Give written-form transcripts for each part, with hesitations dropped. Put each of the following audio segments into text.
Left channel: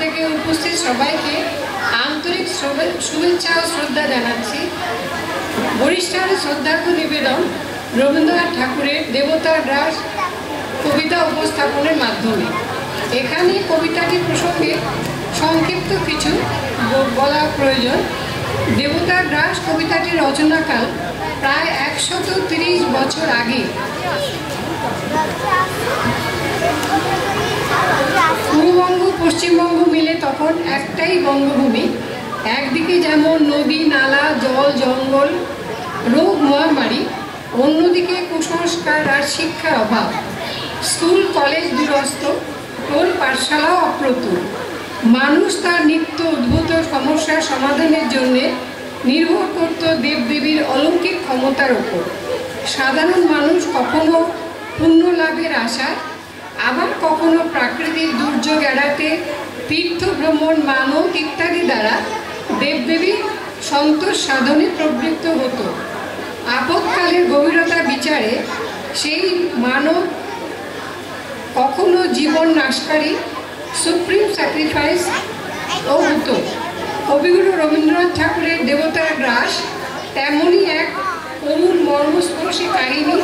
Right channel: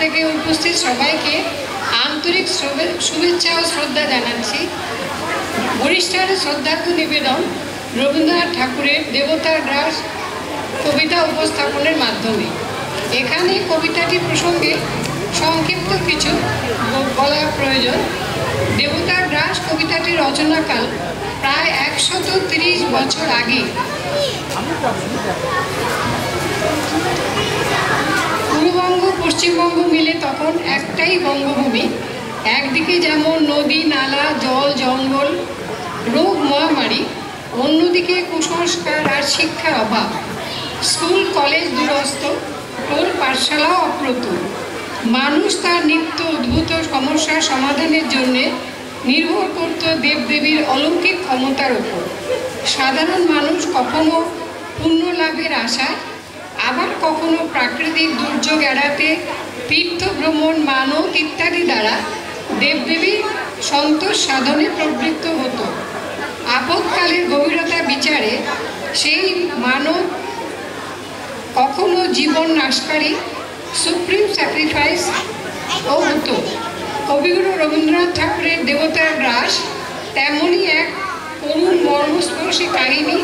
থেকে উপস্থিত সবাইকে আন্তরিক শুভেচ্ছা ও শ্রদ্ধা জানাচ্ছি। বরিষ্ঠার শ্রদ্ধার্ঘ নিবেদন রবীন্দ্রনাথ ঠাকুরের দেবতার গ্রাস কবিতা উপস্থাপনের মাধ্যমে। এখানে কবিতাটির প্রসঙ্গে সংক্ষিপ্ত কিছু বলা প্রয়োজন। দেবতার গ্রাস কবিতাটির রচনাকাল প্রায় 130 বছর আগে। পূর্ববঙ্গ পশ্চিমবঙ্গ মিলে তখন একটাই বঙ্গভূমি। একদিকে যেমন নদী নালা জল জঙ্গল রোগ মহামারী, অন্যদিকে কুসংস্কার আর শিক্ষার অভাব, স্কুল কলেজ দুরস্ত, টোল পাঠশালাও অপ্রতুল। মানুষ তার নিত্য উদ্ভূত সমস্যার সমাধানের জন্য নির্ভর করত দেবদেবীর অলৌকিক ক্ষমতার ওপর। সাধারণ মানুষ কখনো পুণ্য লাভের আশায়, আবার কখনো প্রাকৃতিক দুর্যোগ এড়াতে তীর্থ ভ্রমণ মানত ইত্যাদি দ্বারা দেবদেবীর সন্তোষ সাধনে প্রবৃত্ত হতো। আপদকালের গভীরতা বিচারে সেই মানব কখনো জীবন নাশকারী সুপ্রিম স্যাক্রিফাইস ও হতো। কবিগুরু রবীন্দ্রনাথ ঠাকুরের দেবতার গ্রাস তেমনই এক করুণ মর্মস্পর্শী কাহিনী,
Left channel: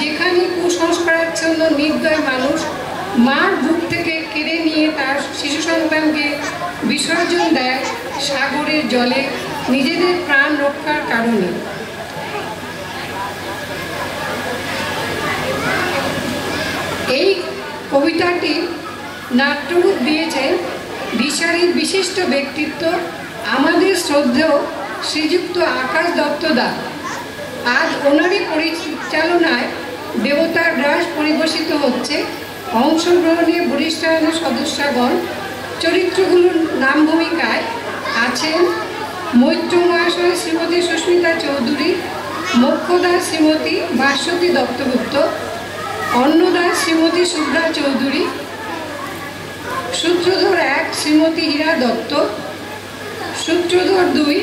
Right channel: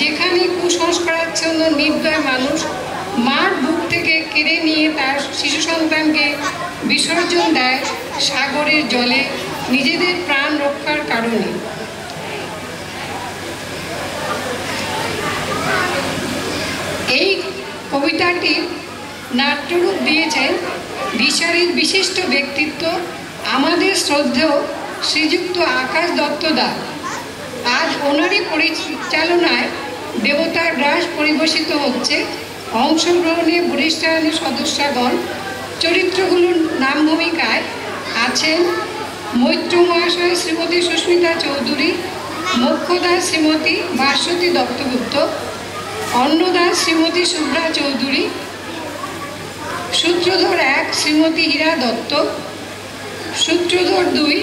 যেখানে কুসংস্কারাচ্ছন্ন নির্দয় মানুষ মার বুক থেকে কেড়ে নিয়ে তার শিশু সন্তানকে বিসর্জন দেয় সাগরের জলে নিজেদের প্রাণ রক্ষার কারণে। এই কবিতাটি নাট্যরূপ দিয়েছেন দিশারির বিশিষ্ট ব্যক্তিত্ব আমাদের শ্রদ্ধেয় শ্রীযুক্ত আকাশ দত্তদা। আজ ওনারই পরিচালনায় দেবতার গ্রাস পরিবেশিত হচ্ছে। অংশগ্রহণে বরিষ্ঠানের সদস্যগণ। চরিত্রগুলোর নাম ভূমিকায় আছেন মৈত্র মহাশয় শ্রীমতী সুস্মিতা চৌধুরী, মোক্ষদা শ্রীমতী ভাস্বতী দত্তগুপ্ত, অন্নদা শ্রীমতী শুভ্রা চৌধুরী, সূত্রধর 1 শ্রীমতী হীরা দত্ত, সূত্রধর 2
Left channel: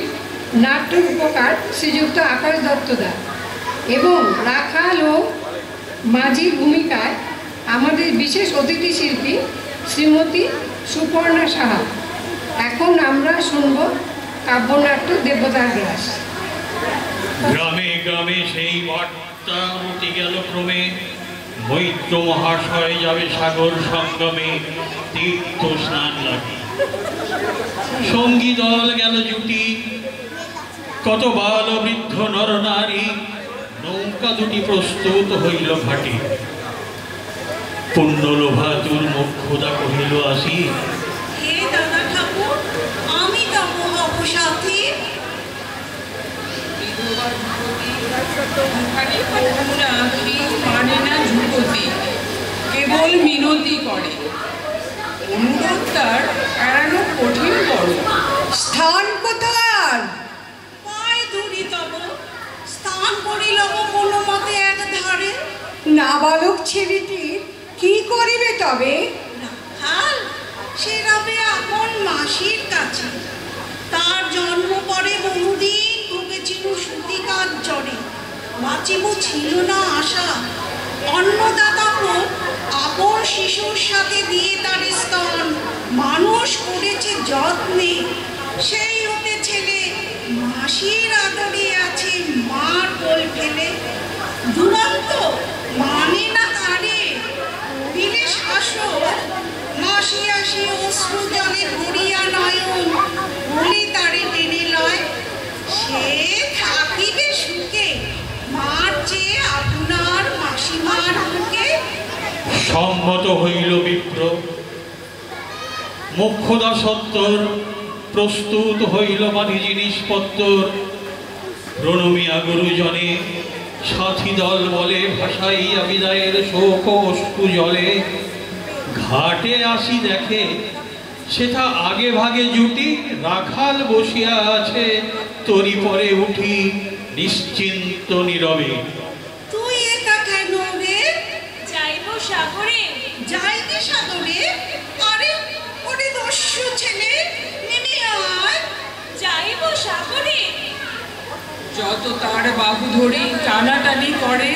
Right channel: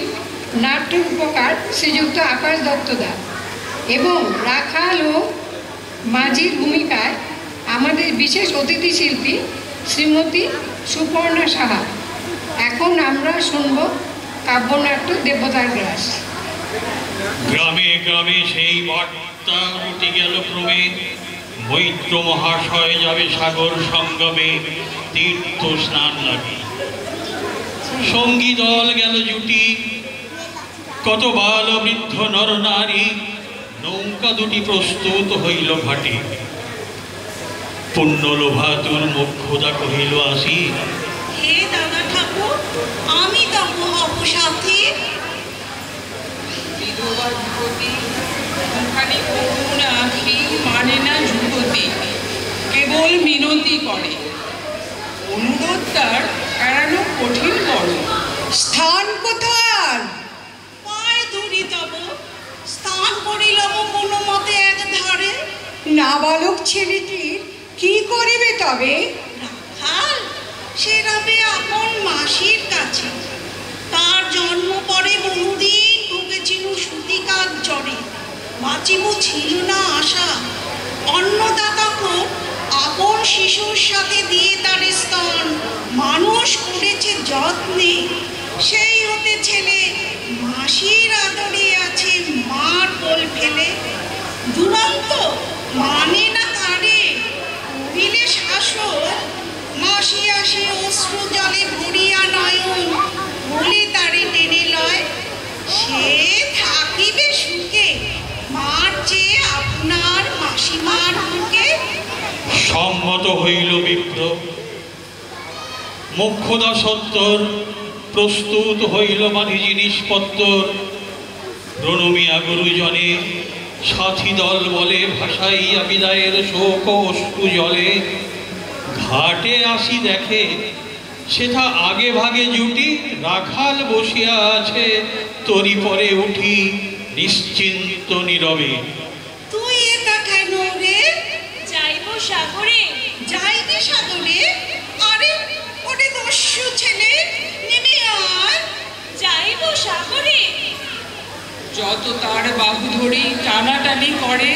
নাট্য রূপকার শ্রীযুক্ত আকাশ দত্তদা এবং রাখাল ও মাঝির ভূমিকায় আমাদের বিশেষ অতিথি শিল্পী শ্রীমতী সুপর্ণা সাহা। এখন আমরা শুনব কাব্যনাট্য দেবতার গ্রাস। গ্রামে গ্রামে সেই বার্তা উঠে গেল ক্রমে, মৈত্র মহাশয় যাবে সাগর সঙ্গমে তীর্থ স্নান লাগে। সঙ্গী দল গেল জুটি, কত বাল বৃদ্ধ নর নারী, নৌকা দুটি প্রস্তুত হইল ঘাটে। পুণ্য লোভাতুর মোক্ষদা কহিল আসি, হে দাদা ঠাকুর, আমি তব হব সাথী। বিধবা যুবতী মুখানি করুণ আখি মানে না যুবতী, কেবল মিনতি করে। অনুরোধ তার এড়ানো কঠিন বড়। স্থান কোথায়? পায় দূরি তব স্থান করিলব কোনো মতে এক ধারে। নাবালক ছেলেটি কি করিবে তবে? রাখাল সে রবে আপন মাসির কাছে। তার জন্ম পরে বহুদিন ভুগেছিল সুতিকার জ্বরে। বাঁচিব ছিল না আশা। অন্নদাতা হোক আপন শিশুর সাথে দিয়ে তার স্তন মানুষ করেছে যত্নে। সেই হতে ছেলে মাসির আদরে আছে মার কোল ফেলে। দুরন্ত মানে না তারে করিলে শাসন। মাসি আসি অশ্রু জলে ভরিয়া নয়ন বলে তারে টেনে লয়। সে থাকিবে সুখে মার চেয়ে আপনার মাসিমার মুখে। সম্মত হইল বিপ্র। মোক্ষদা সত্তর প্রস্তুত হইল মাঝি জিনিসপত্তর। প্রণমিয়া গুরুজনে সাথী দল বলে ভাসাইয়া বিদায়ের শোক অশ্রু জলে। ঘাটে আসি দেখে সেথা আগে ভাগে জুটি, রাখাল বসিয়া আছে তরি পরে উঠি নিশ্চিন্ত নীরবে। তুই এটা কেন রে? যাইব সাগরে। যাইবে সাগরে? আরে ওরে দস্যু ছেলে, নেমে আয়। যাইব সাগরে। যত তার বাহু ধরি টানাটানি করে,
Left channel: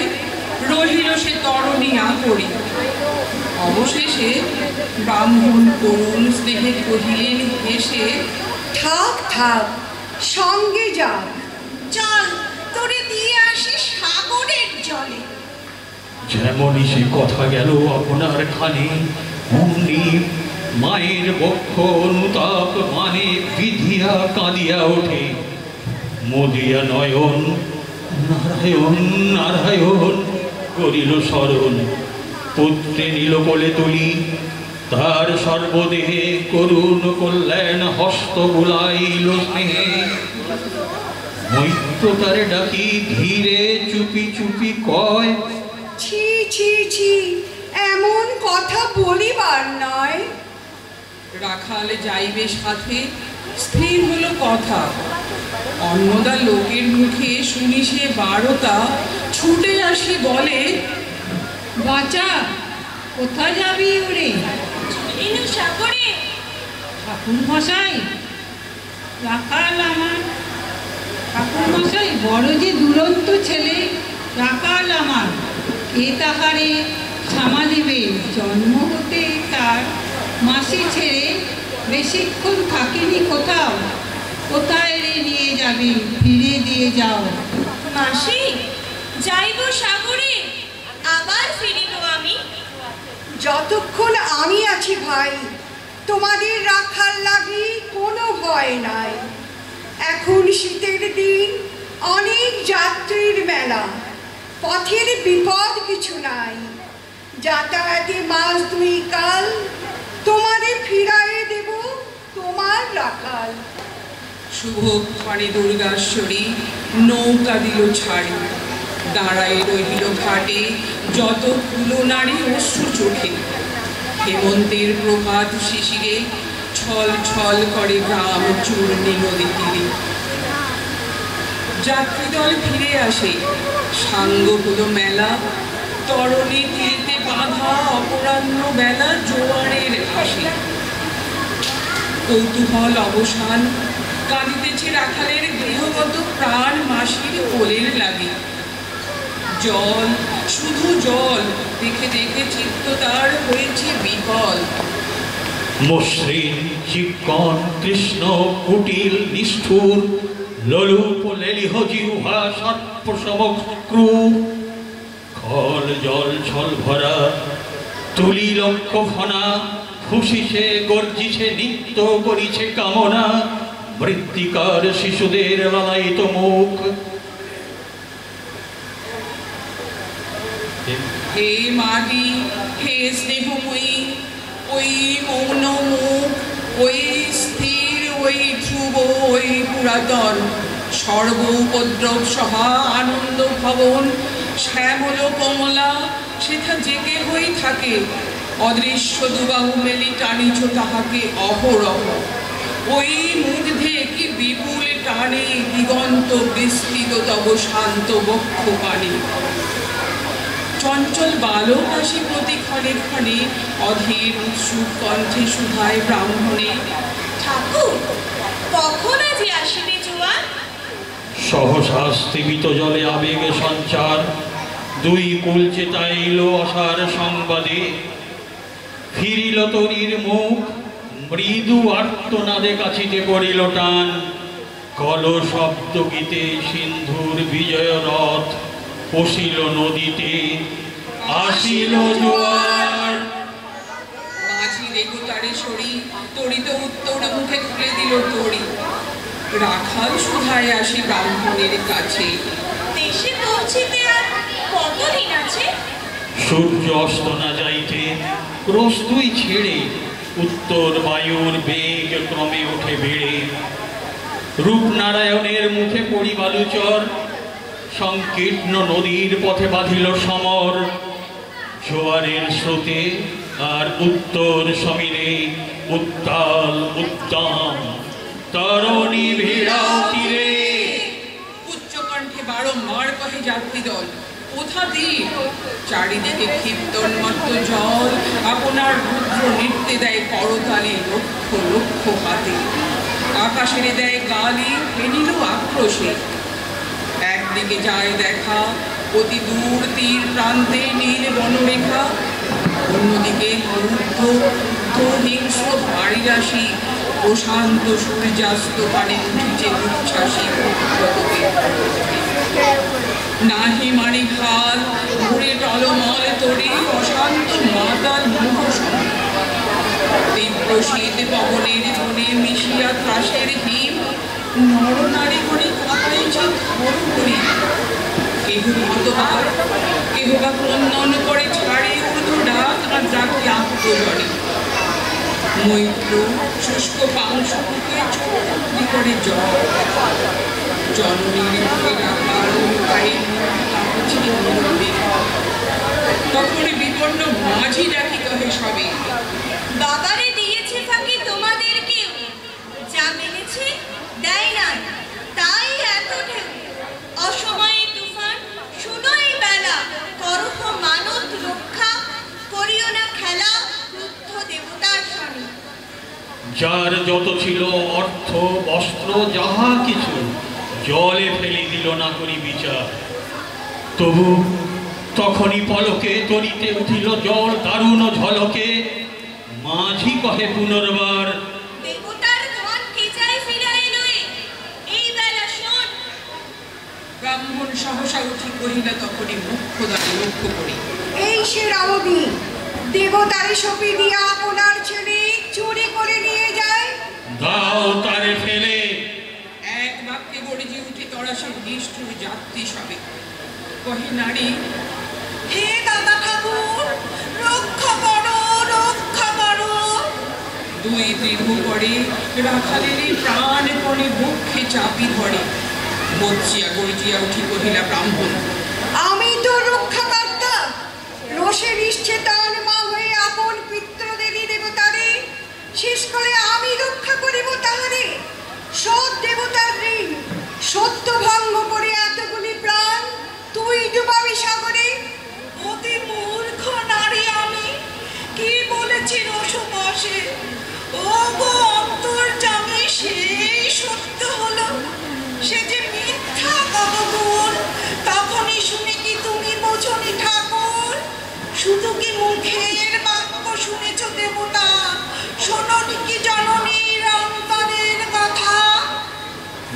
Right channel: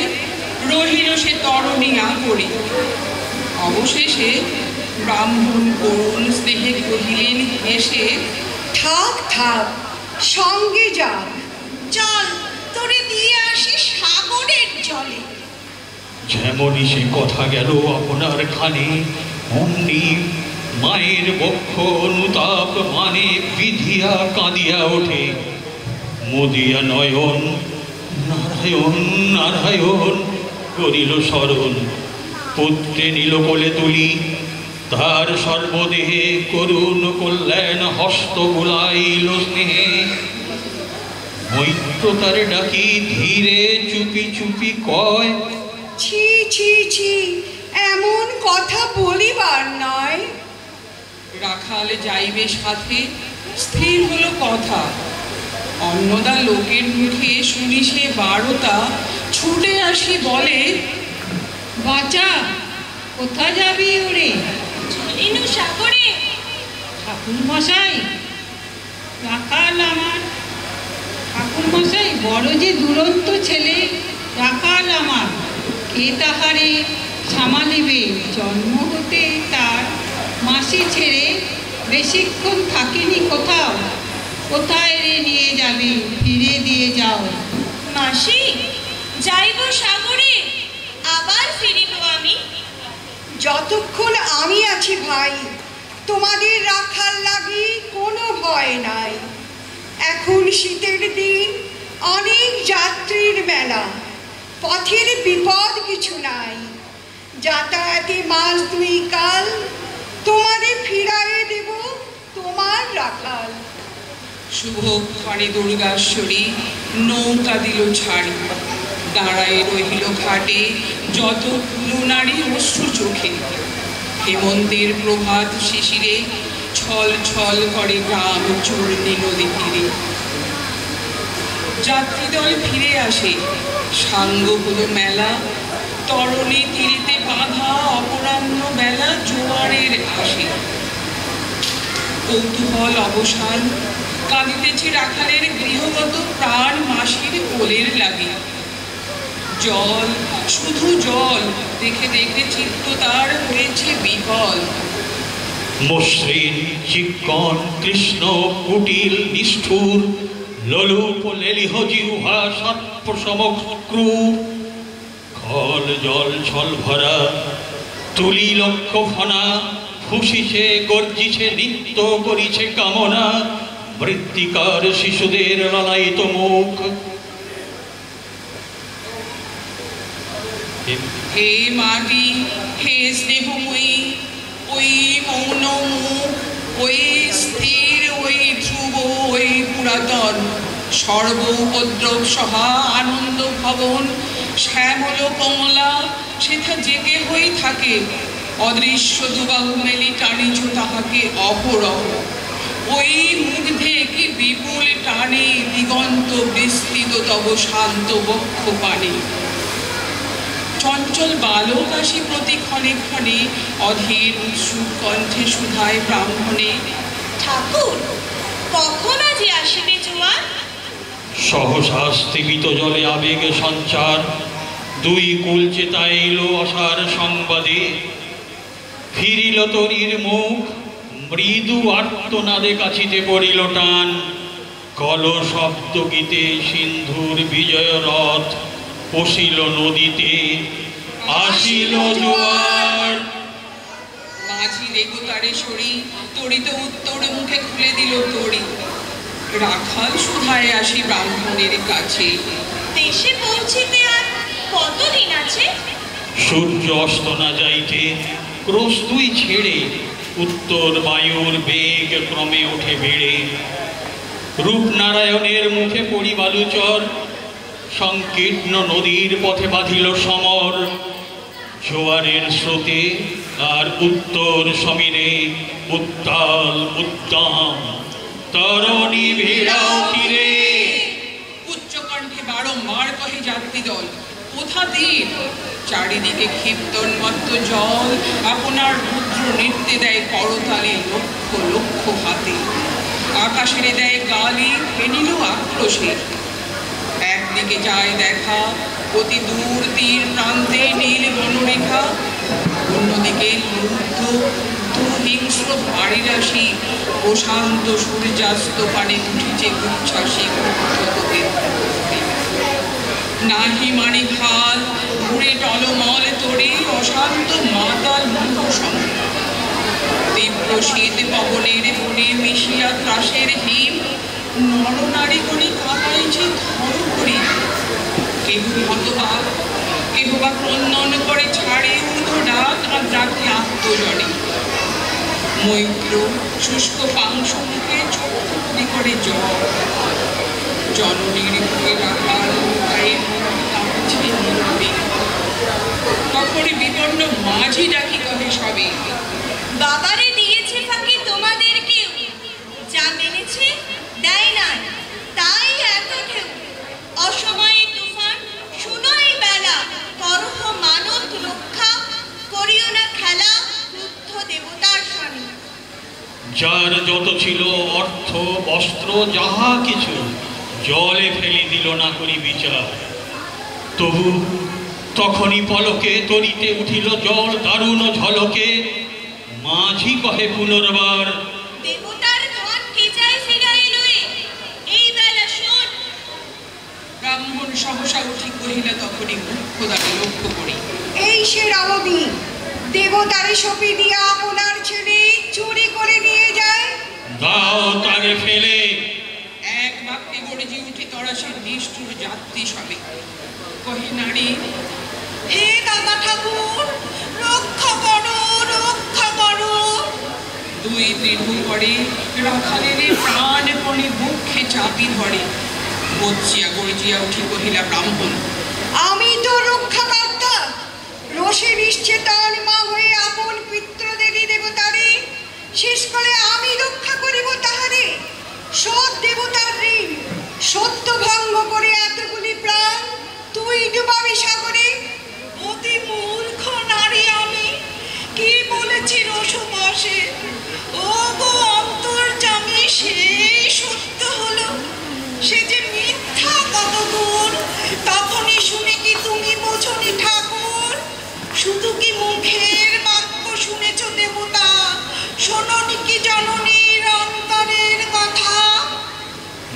রহিল সে তরণী আঁকড়ি। অবশেষে ব্রাহ্মণ করুণ স্নেহে কহিলেন হেসে, থাক থাক, সঙ্গে যাক। চল তোরে দিয়ে আসি সাগরের জলে। যেমনই সে কথা গেল আপনার খানে, অমনি মায়ের বক্ষ অনুতাপ মানে বিধিয়া কাঁদিয়া ওঠে। মদিয়া নয়ন নারায়ণ নারায়ণ করিল স্মরণ। পুত্রে নিল কোলে তুলি, তার সর্বদেহে করুণ কল্যাণ হস্ত বুলাইল স্নেহে। মৈত্র তারে ডাকি ধীরে চুপি চুপি কয়, ছি ছি ছি, এমন কথা বলিবার নয়। রাখাল যাইবে সাথে, স্থির হলো কথা। অন্নদা লোকের মুখে শুনি সে বারোটা, ছুটে আসি বলে, বাঁচা, কোথায় যাবি ওরে? চলিনু সাগরে। ঠাকুর মশাই, রাখাল আমার। ঠাকুর মশাই, বড় যে দুরন্ত ছেলে রাখাল আমার, কে তাহারে সামালিবে? জন্ম হতে তার মাসি ছেড়ে বেশিক্ষণ থাকিনি কোথাও। কোথায় রে নিয়ে যাবি? ফিরে দিয়ে যাও। মাসি, যাইব সাগরে, আবার ফিরিব আমি। যতক্ষণ আমি আছি ভাই, তোমাদের রাখার লাগি কোনো ভয় নাই। এখন শীতের দিন, অনেক যাত্রীর মেলা, পথের বিপদ কিছু নাই। যাতায়াতে মাস 2 কাল, তোমাদের ফিরাইয়ে দেব তোমার রাখাল। শুভক্ষণে দুর্গাশ্বরী নৌকা দিল ছাড়ি, দাঁড়ায় রহিল ঘাটে যত নারী অশ্রু চোখে। হেমন্তের প্রভাত শিশিরে ছল ছল করে গ্রাম চূর্ণী নদী তীরে। যাত্রীদল ফিরে আসে, সাঙ্গ হলো মেলা, তরণী তীরিতে বাঁধা অপরাহ্ন বেলা জোয়ারের আসে। কৌতূহল অবসান, কাঁদিতেছে রাখালের গৃহগত প্রাণ মাসির কোলের লাগে। জল, শুধু জল, দেখে দেখে চিত্ত তার হয়েছে বিকল। মসৃণ চিক্কণ কৃষ্ণ কুটিল নিষ্ঠুর, লোলুপ লেলিহ জিহ্বা সৎপ্রসমক্রূর। খল জল ছল ভরা তুলি লক্ষ ফনা, ফুসিছে গর্জিছে নিত্য করিছে কামনা। মৃত্তিকার শিশুদের লালায়িত মুখ, হে মাটি, হে স্নেহময়ী, ওই মৌন মুখ, ওই স্থির, ওই ধ্রুব, ওই পুরাতন, সর্ব উপদ্রব সহা আনন্দ ভবন। শ্যামল কমলা সেথা জেগে হয়ে থাকে, অদৃশ্য দুবাহু মেলি টানিছ তাহাকে অহরহ। ওই মুগ্ধে কি বিপুল টানে দিগন্ত বিস্তৃত তব শান্ত বক্ষ পানে। চঞ্চল বালক আসি প্রতি ক্ষণে ক্ষণে, অধীর উৎসুক কণ্ঠে সুধায় ব্রাহ্মণে, ঠাকুর, কখন আজি আসিবে জোয়ার? সহসা স্থিমিত জলে আবেগে সঞ্চার। 2 কুল চেতাইল আশার সংবাদে। ফিরিল তরীর মুখ, মৃদু আর্তনাদে কাছিতে পড়িল টান। কল শব্দ গীতে সিন্ধুর বিজয় রথ, পশিল নদীতে আসিল জোয়ার। মাঝি দেবতারে সরি, তরিত উত্তর মুখে খুলে দিল তরি। রাখাল সুধায় আসি ব্রাহ্মণের কাছে, দেশে পৌঁছিতে আর কতদিন আছে? সূর্য অস্ত না যাইতে ক্রোশ 2 ছেড়ে, উত্তর বায়ুর বেগ ক্রমে ওঠে বেড়ে। রূপনারায়ণের মুখে পড়ি বালুচর, সংকীর্ণ নদীর পথে বাঁধিল সমর। জোয়ারের স্রোতে আর উত্তর সমীরে উত্তাল উদ্দাম, তরণী ভিড়াও তীরে। উচ্চকণ্ঠে বারংবার কহে যাত্রী দল, কোথা দ্বীপ? চারিদিকে ক্ষিপ্তন্মত্ত জল, আপনার রুদ্র নৃত্যে দেয় করতালে লক্ষ লক্ষ হাতে। আকাশের দেয় গালি, ফেনিল আক্রোশে। একদিকে যায় দেখা, অতি দূর তীর প্রান্তে নীল বনরেখা। অন্যদিকে রুদ্ধ অশান্ত সূর্যাস্ত পানে উঠিছে উচ্ছ্বাসী নাহি মানি খাল ঘুরে টলমল তরি অশান্ত মাতাল মুখসম তীব্র শীত পবনের ধরে মিশিয়া ত্রাসের হিম নরনারী গণে কাঁপাইছে ধর করি কেহ হতবাক কেহ বা ক্রন্দন করে ছাড়ে উর্ধ ডাক আর ডাকে আত্মজনে মৈত্র শুষ্ক পাংশ মুখে চোখি করে জল জননীর মুখে রাখাল গায়ে কাঁপছিয়ে মরবে তখন বিপন্ন মাঝি ডাকি কহে সবে বাবারে দিয়েছে ফাঁকি তোমাদের কেউ যা মেনেছে দেয় না তাই এত ঢেউ অসময়ে তুফান শুনোই বেলা করহ মানত রক্ষা করিও না খেলা ক্রুদ্ধ দেবতার স্বামী যার যত ছিল অর্থ বস্ত্র যাহা কিছু জলে ফেলে দিল না করি বিচার তবু তখনই পলকে তরিতে উঠিল জল দারুণ ঝলকে মাঝি কহে পুনর্বার দেবতার ধন কে চায় ফিরাই লয়ে এই বেলা শোন ব্রাহ্মণ সহসা উঠি কহিলা তখনই মুখ্য দ্বারে লক্ষ্য করি এই সে রামদী দেবতারে সপি দিয়া আপনার ছেলে চুরি করে নিয়ে যায় দাও তারে ফেলে এক বাক্যে গর্জি উঠে তরাসে নিষ্ঠুর যাত্রী সবে কহে নারী হে দাদা ঠাকুর রক্ষা করো রক্ষা করো দুই বিহু করে রাখালের প্রাণপণে বক্ষে চাপি ধরে বচ্চিয়া গর্জিয়া উঠি কহিলা ব্রাহ্মণ আমি তো রক্ষাকর্তা রোষের নিশ্চেতন মা হয়ে আপন পিতৃদেবী দেবতারে শেষ করে আমি রক্ষা করিব তাহারে সৎ দেবতার ঋণ সত্য ভঙ্গ করে এতগুলি প্রাণ তুই ডুবাবি সাগরে অতি মূর্খ নারী আমি কি বলেছি রসবাসে ও গো অন্তর্যামী সেই সত্য হলো সে যে মিথ্যা কতগুণ তখনই শুনে কি তুমি বোঝনি ঠাকুর শুধু কি মুখের বাক্য শুনেছ দেবতা শোনোনি কি জননীর অন্তরের কথা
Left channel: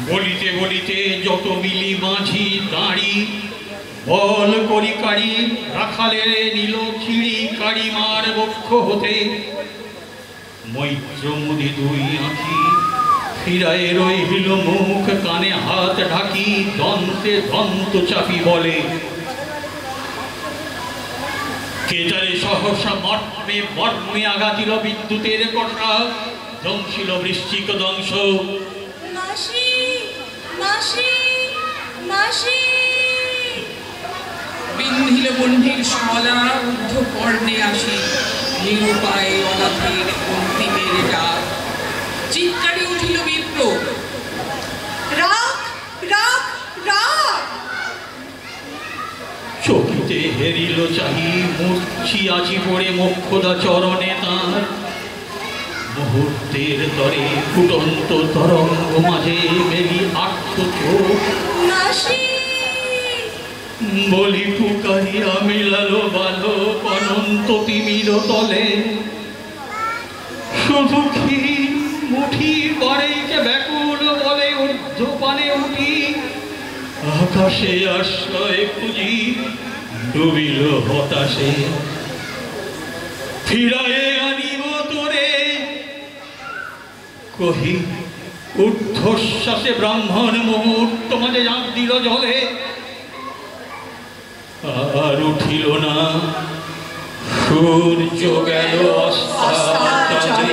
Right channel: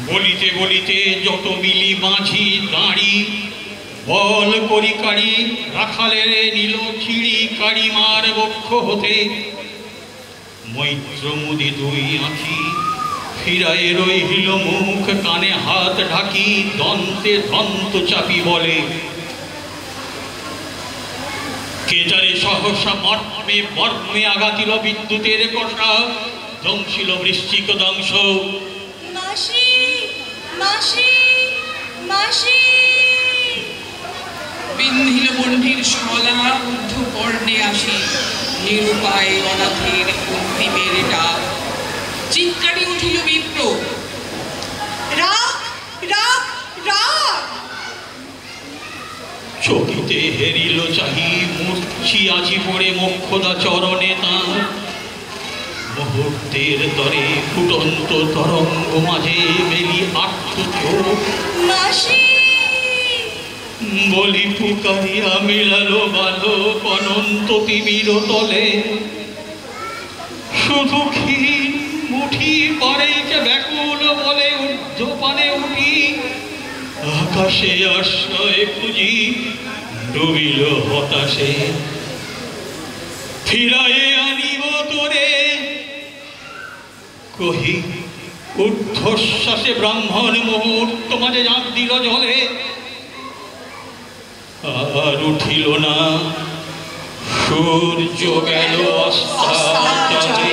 বলিতে বলিতে যত মিলি মাঝি দাঁড়ি বল করি কাড়ি রাখালে নিল ছিড়ি কাড়ি মার বক্ষ হতে মৈত্র মুদি দুই আঁখি ফিরায় রহিল মুখ কানে হাত ঢাকি দন্তে দন্ত চাপি বলে কেজারে সহসা মর্মে মর্মে আঘাতিল বিদ্যুতের কষা ধ্বংসিল বৃশ্চিক দংশ মাসি মাসি মাসি বিন্ধিল বন্ধির শলা ঊর্ধ্ব কর্ণে আসি নিরুপায় অনাথের অন্তিমের ডাক চিৎকারে উঠিল বিপ্র রাগ রাগ রাগ চকিতে হেরিল চাহি মূর্ছিয়াছি পড়ে মোক্ষদা চরণে তাঁর মুহূর্তের তরে ফুটন্ত তরঙ্গ মাঝে বেলি আত্ম চোখ মাসি বলি পুকারিয়া মিলালো বালো অনন্ত তিমির তলে শুধু ক্ষীণ মুঠি পরেছে ব্যাকুল বলে ঊর্ধ্বপানে উঠি আকাশে আশ্রয় খুঁজি ডুবিল হতাশে ফিরায়ে আনিব তোরে কহি ঊর্ধ্বশ্বাসে ব্রাহ্মণ মুহূর্ত মাঝে ঝাঁপ দিল জলে আর উঠিল না সূর্য গেল অস্তাচলে